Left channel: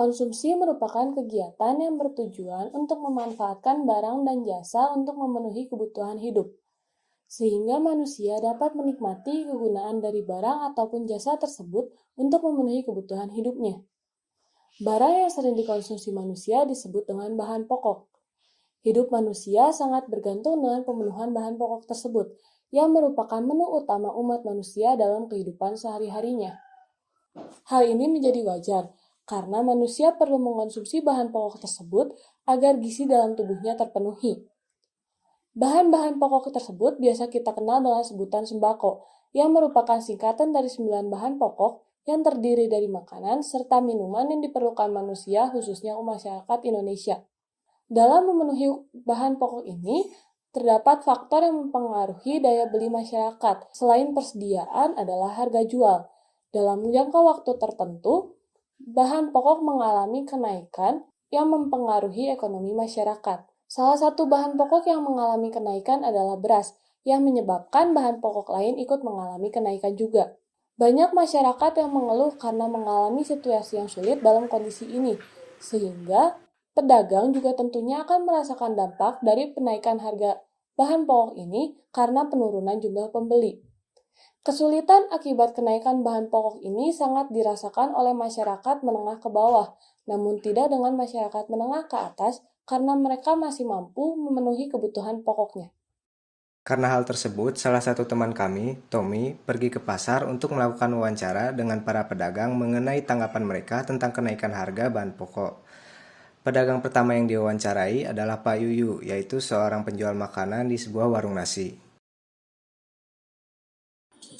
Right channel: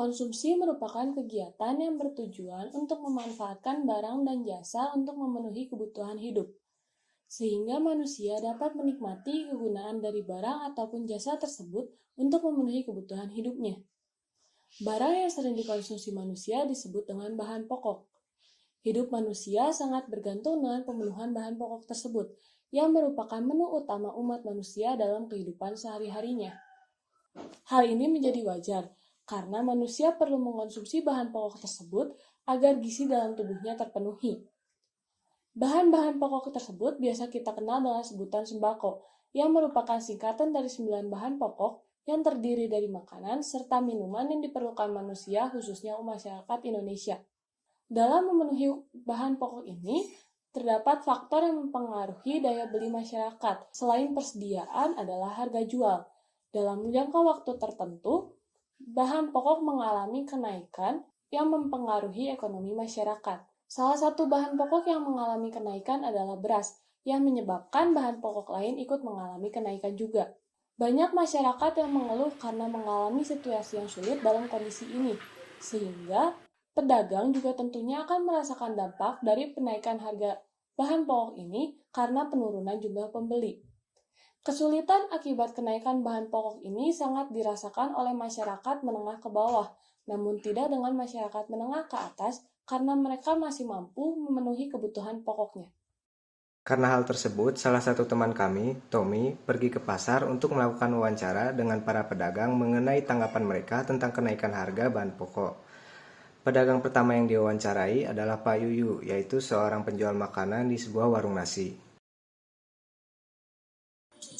Konsumsi merupakan kegiatan yang bertujuan untuk memanfaatkan barang dan jasa untuk memenuhi kebutuhan hidup, sehingga manusia dapat menikmati kegunaan dari barang ataupun jasa tersebut untuk memenuhi kebutuhan hidupnya. Barang yang sering dikonsumsi manusia disebut dengan bahan pokok. Hidup manusia sangat bergantung dengan pemenuhan bahan pokok tersebut, yang merupakan menu utama umat manusia dalam kehidupan sehari-harinya. Hal ini menjadi wajar, karena manusia perlu mengonsumsi bahan pokok tersebut agar gizi dalam tubuhnya terpenuhi. Bahan-bahan pokok tersebut biasa kita kenal dengan sebutan sembako, yang merupakan singkatan dari 9 bahan pokok yang terdiri dari makanan serta minuman yang diperlukan manusia khususnya masyarakat Indonesia. Dalam memenuhi bahan pokok ini, terdapat faktor yang mempengaruhi daya beli masyarakat. Selain persediaan adalah harga jual. Dalam jangka waktu tertentu, bahan pokok mengalami kenaikan yang mempengaruhi ekonomi masyarakat. Salah satu bahan pokok yang mengalami kenaikan adalah beras, yang menyebabkan bahan pokok lain ikut mengalami kenaikan juga. Banyak masyarakat yang mengeluh karena mengalami situasi yang sulit dalam kondisi ini, sehingga pedagang juga tentunya akan merasakan dampak dari kenaikan harga bahan pokok ini karena penurunan jumlah pembeli. Kesulitan akibat kenaikan bahan pokok ini sangat dirasakan oleh masyarakat menengah ke bawah, namun tidak dengan masyarakat menengah ke atas karena mereka masih mampu memenuhi kebutuhan pokoknya. Karena hal tersebut, salah satu teman kami, Tommy, pergi ke pasar untuk melakukan wawancara dengan para pedagang mengenai tanggapan mereka tentang kenaikan harga bahan pokok. Pedagang pertama yang diwawancarai adalah Pak Yuyu, yaitu seorang penjual makanan di sebuah warung nasi.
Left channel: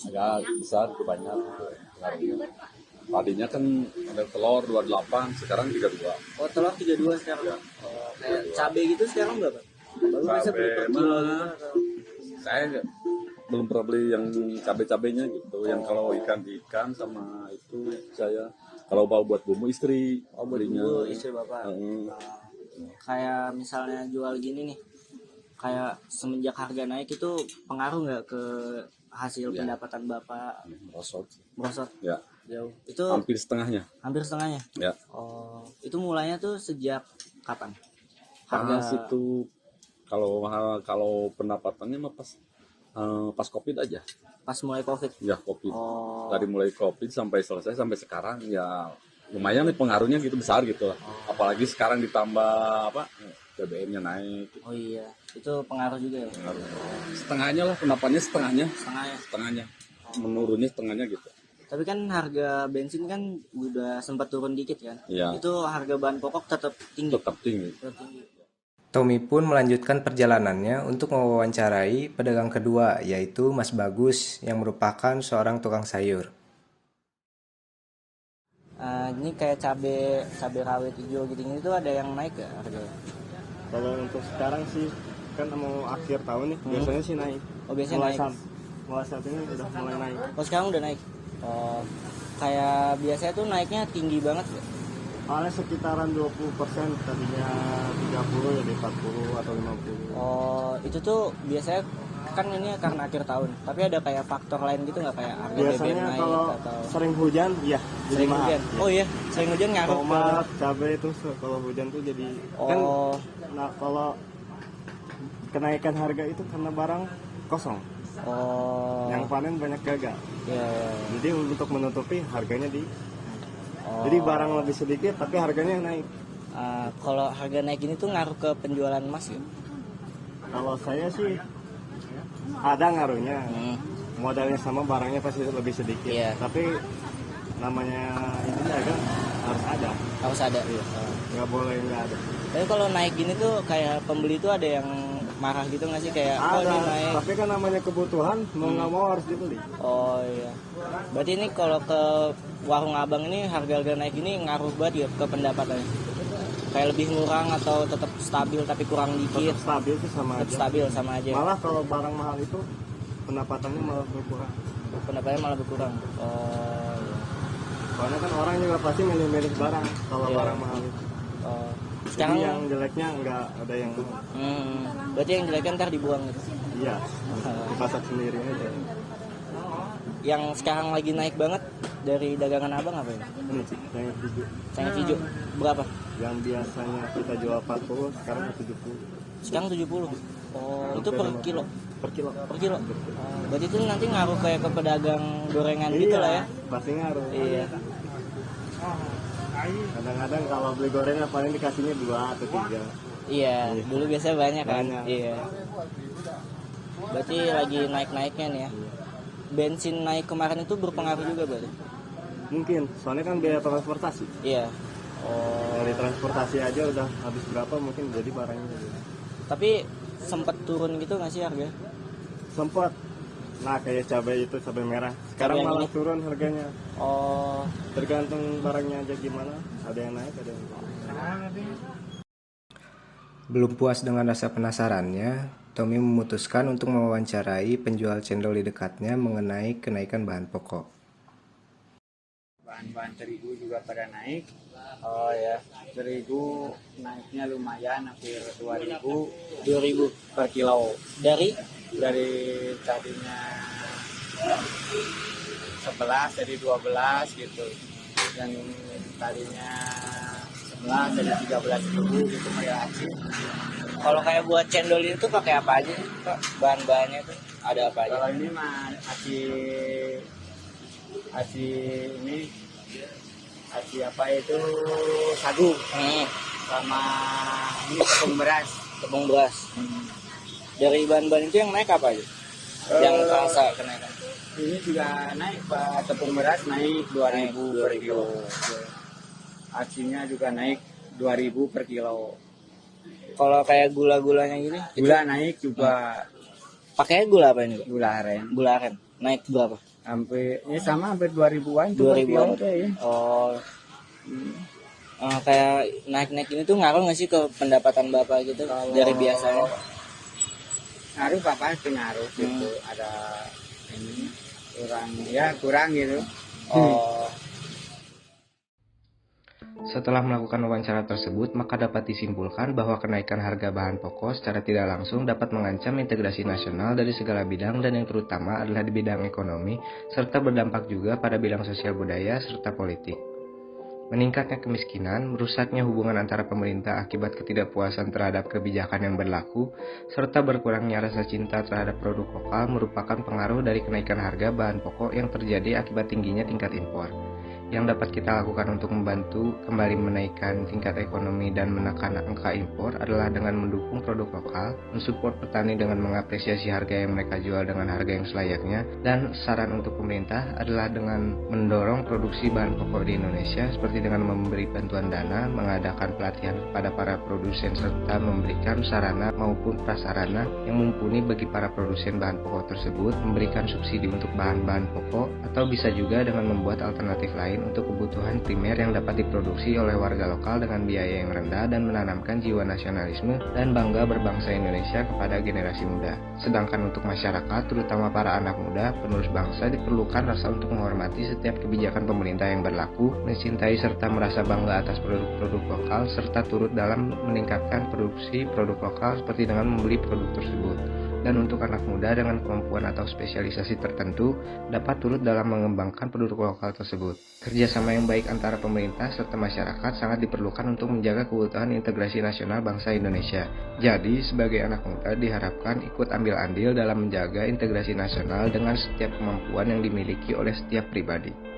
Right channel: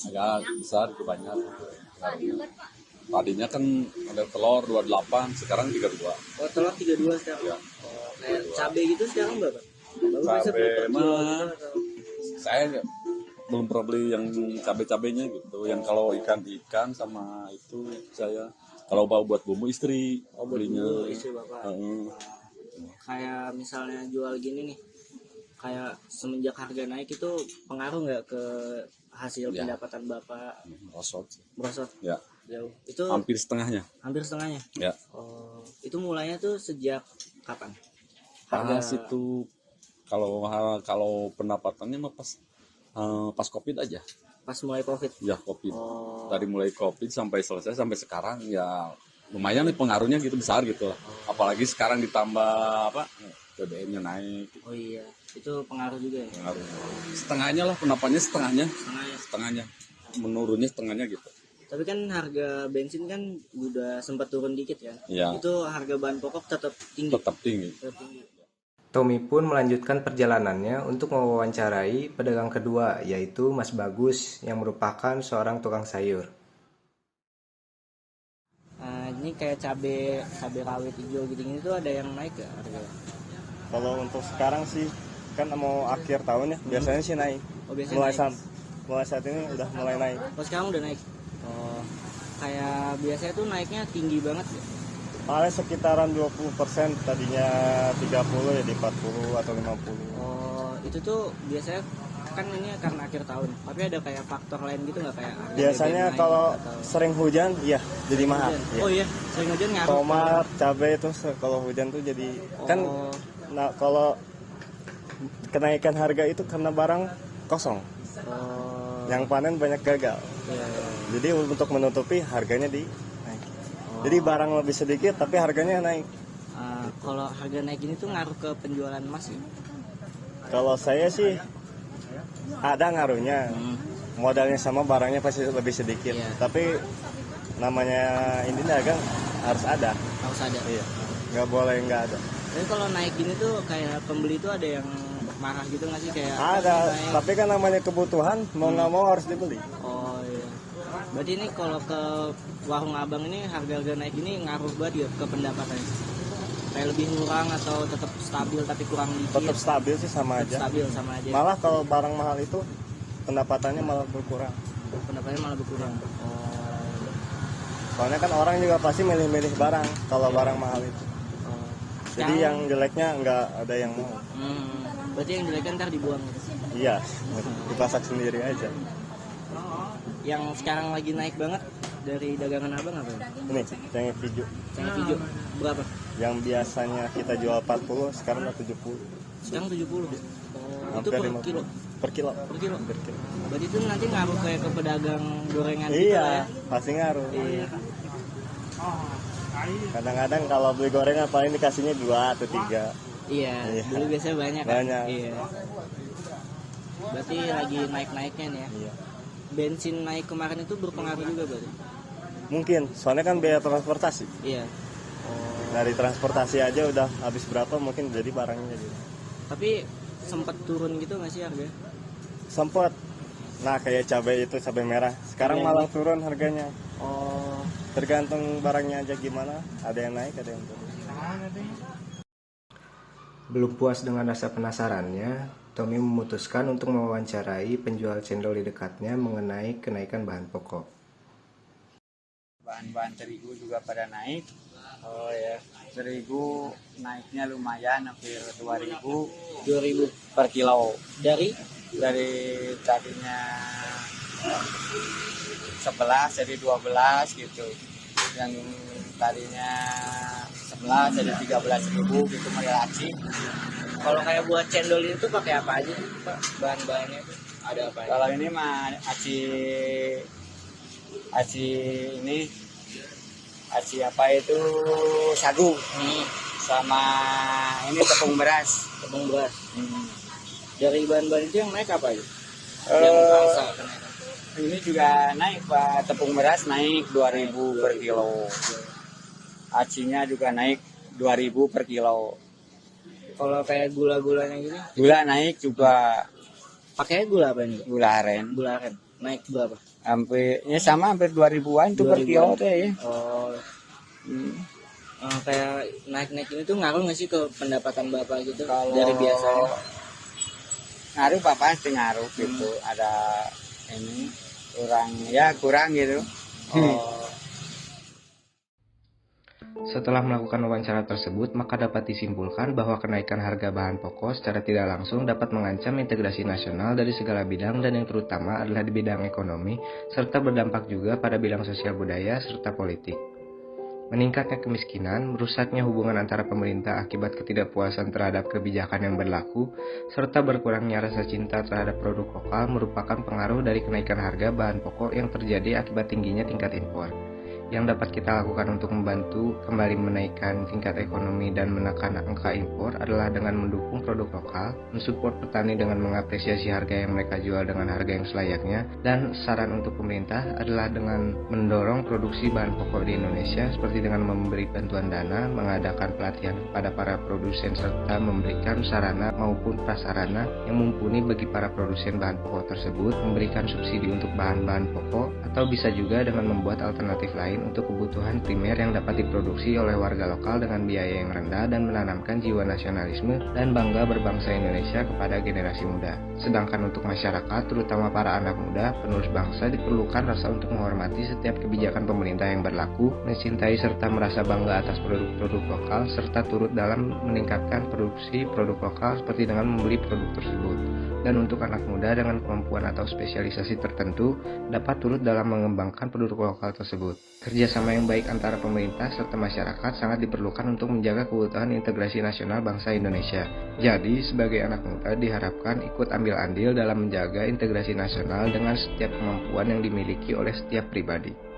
Agak besar, banyak harganya. Tadinya kan ada telur 28, sekarang 32. Oh, telur 32 sekarang. Ya. Oh, kayak cabai gitu sekarang berapa? Baru bisa beli per kilo gitu atau? Saya belum pernah beli yang cabai-cabainya gitu. Yang kalau ikan sama itu saya kalau buat bumbu istri belinya. Istri bapak. Heeh. Kayak misalnya jual gini nih, kayak semenjak harga naik itu pengaruh nggak ke hasil Ya. pendapatan bapak? Rosot. Merosot Ya. jauh. Itu Hampir setengahnya. hampir setengahnya. Ya. Oh, itu mulainya tuh sejak kapan? Pas itu kalau pendapatannya mah pas Covid aja. Pas mulai Covid. Ya, Covid. Oh. Dari mulai Covid sampai selesai sampai sekarang ya lumayan nih pengaruhnya gitu besar gitu. Apalagi sekarang ditambah BBM-nya naik. Oh iya, itu pengaruh juga ya. Setengahnya lah pendapatnya Setengahnya. setengahnya menurunnya setengahnya gitu. Tapi kan harga bensin kan udah sempat turun dikit kan. Ya. Itu harga bahan pokok tetap tinggi. Tetap tinggi. Tetap tinggi. Tommy pun melanjutkan perjalanannya untuk mewawancarai pedagang kedua, yaitu Mas Bagus, yang merupakan seorang tukang sayur. Ini kayak cabai rawit hijau gitu-gitu tuh ada yang naik gak harganya? Kalau untuk sekarang sih kan mau akhir tahun ya, biasanya sih naik. Oh, biasanya naik. Mulai saat ini udah mulai naik. Oh, sekarang udah naik. Oh, kayak biasa tuh naiknya tinggi banget ya? Paling sekitaran 20%, tadinya 30 jadi 40 atau 50. Oh, itu tuh biasanya kan ini karena akhir tahun. Tapi ada kayak faktor lain gitu nggak kayak harga Biasanya BBM naik kalau atau sering hujan, ya jadi sering mahal. hujan? Oh iya, sering hujan ngaruh. Tomat, cabai itu kalau hujan tuh jadi kan. Oh, Nah, kalau kenaikan harga itu karena barang kosong, oh, yang panen banyak gagal. iya. Jadi untuk menutupi harganya di. Oh. Jadi barang lebih sedikit tapi harganya naik. Kalau harga naik ini tuh ngaruh ke penjualan emas ya? Kalau saya sih ada ngaruhnya. Modalnya sama, barangnya pasti lebih sedikit. Iya. Tapi namanya ini dagang harus ada. Harus ada. Iya. Nggak boleh nggak ada. Tapi kalau naik gini tuh kayak pembeli tuh ada yang marah gitu nggak sih kayak oh, Ada. ini naik. Tapi kan namanya kebutuhan, mau nggak mau harus dibeli. Oh iya. Berarti ini kalau ke warung abang ini harga-harga naik ini ngaruh banget ya ke pendapatannya? Kayak lebih ngurang atau tetap stabil tapi kurang Tetap dikit? stabil sih sama Tetap aja. stabil sama aja. Malah kalau barang mahal itu pendapatannya malah berkurang. Pendapatannya malah berkurang. Oh. Iya. Soalnya kan orang juga pasti milih-milih barang kalau Iya. barang mahal itu. Oh. Jadi yang jeleknya nggak ada yang mau. Berarti yang jelek kan ntar dibuang gitu. Iya, dipasak sendiri aja. Yang sekarang lagi naik banget dari dagangan abang apa ini? Ini Cik, yang hijau. Cengkeh hijau berapa? Yang biasanya kita jual 40, sekarang udah 70 Sekarang 70. Oh, itu per kilo. per kilo. Per kilo. Berarti itu nanti ngaruh kayak ke pedagang gorengan gitu lah ya. Iya, pasti ngaruh. Iya. Kadang-kadang kalau beli gorengan paling dikasihnya 2 atau 3. Iya, dulu biasanya banyak kan. Banyak. Iya. Berarti lagi naik-naiknya nih ya. Iya. Bensin naik kemarin itu berpengaruh juga berarti. Mungkin, soalnya kan biaya transportasi. Iya. Oh, Dari transportasi aja udah habis berapa mungkin jadi barangnya. tapi sempat turun gitu nggak sih harga? Sempet. Nah kayak cabai itu, cabai merah. Sekarang Cabai malah merah. turun harganya. Oh, Tergantung barangnya aja gimana. Ada yang naik, ada yang turun. Belum puas dengan rasa penasarannya, Tommy memutuskan untuk mewawancarai penjual cendol di dekatnya mengenai kenaikan bahan pokok. Bahan-bahan terigu juga pada naik. oh ya. Terigu naiknya lumayan, hampir 2.000 2.000 per kilo. dari Dari tadinya 11 jadi 12 gitu. Yang tadinya 11 jadi 13.000 gitu melati. kalau kayak buat cendol itu pakai apa aja sih, Pak? Bahan-bahannya itu ada apa aja? Kalau ini mah aci ini aci apa itu sagu sama ini tepung beras. Tepung beras. Dari bahan-bahan itu yang naik apa aja? Yang terasa kenaikan. Ini juga naik Pak, tepung beras naik 2.000 per kilo. Acinya juga naik 2.000 per kilo. Kalau kayak gula-gulanya gitu, Gula naik juga, pakainya gula apa ini? Pak? gula aren. Gula aren. Naik berapa? Hampir ya sama hampir 2.000-an tuh per 2.000. kilo tuh ya. Oh, Hmm. kayak naik-naik ini tuh ngaruh nggak sih ke pendapatan bapak gitu dari biasanya? Ngaruh Pak pasti ngaruh gitu. Ada ini kurang gitu. Oh, Setelah melakukan wawancara tersebut, maka dapat disimpulkan bahwa kenaikan harga bahan pokok secara tidak langsung dapat mengancam integrasi nasional dari segala bidang dan yang terutama adalah di bidang ekonomi, serta berdampak juga pada bidang sosial budaya serta politik. Meningkatnya kemiskinan, merusaknya hubungan antara pemerintah akibat ketidakpuasan terhadap kebijakan yang berlaku, serta berkurangnya rasa cinta terhadap produk lokal merupakan pengaruh dari kenaikan harga bahan pokok yang terjadi akibat tingginya tingkat impor. Yang dapat kita lakukan untuk membantu kembali menaikkan tingkat ekonomi dan menekan angka impor adalah dengan mendukung produk lokal, mensupport petani dengan mengapresiasi harga yang mereka jual dengan harga yang selayaknya, dan saran untuk pemerintah adalah dengan mendorong produksi bahan pokok di Indonesia seperti dengan memberi bantuan dana, mengadakan pelatihan kepada para produsen serta memberikan sarana maupun prasarana yang mumpuni bagi para produsen bahan pokok tersebut, memberikan subsidi untuk bahan-bahan pokok, atau bisa juga dengan membuat alternatif lain untuk kebutuhan primer yang dapat diproduksi oleh warga lokal dengan biaya yang rendah dan menanamkan jiwa nasionalisme dan bangga berbangsa Indonesia kepada generasi muda. Sedangkan untuk masyarakat, terutama para anak muda, penerus bangsa, diperlukan rasa untuk menghormati setiap kebijakan pemerintah yang berlaku, mencintai serta merasa bangga atas produk-produk lokal, serta turut dalam meningkatkan produksi produk lokal seperti dengan membeli produk tersebut. Dan untuk anak muda dengan kemampuan atau spesialisasi tertentu dapat turut dalam mengembangkan produk lokal tersebut. Kerjasama yang baik antara pemerintah serta masyarakat sangat diperlukan untuk menjaga keutuhan integrasi nasional bangsa Indonesia. Jadi, sebagai anak muda diharapkan ikut ambil andil dalam menjaga integrasi nasional dengan setiap kemampuan yang dimiliki oleh setiap pribadi.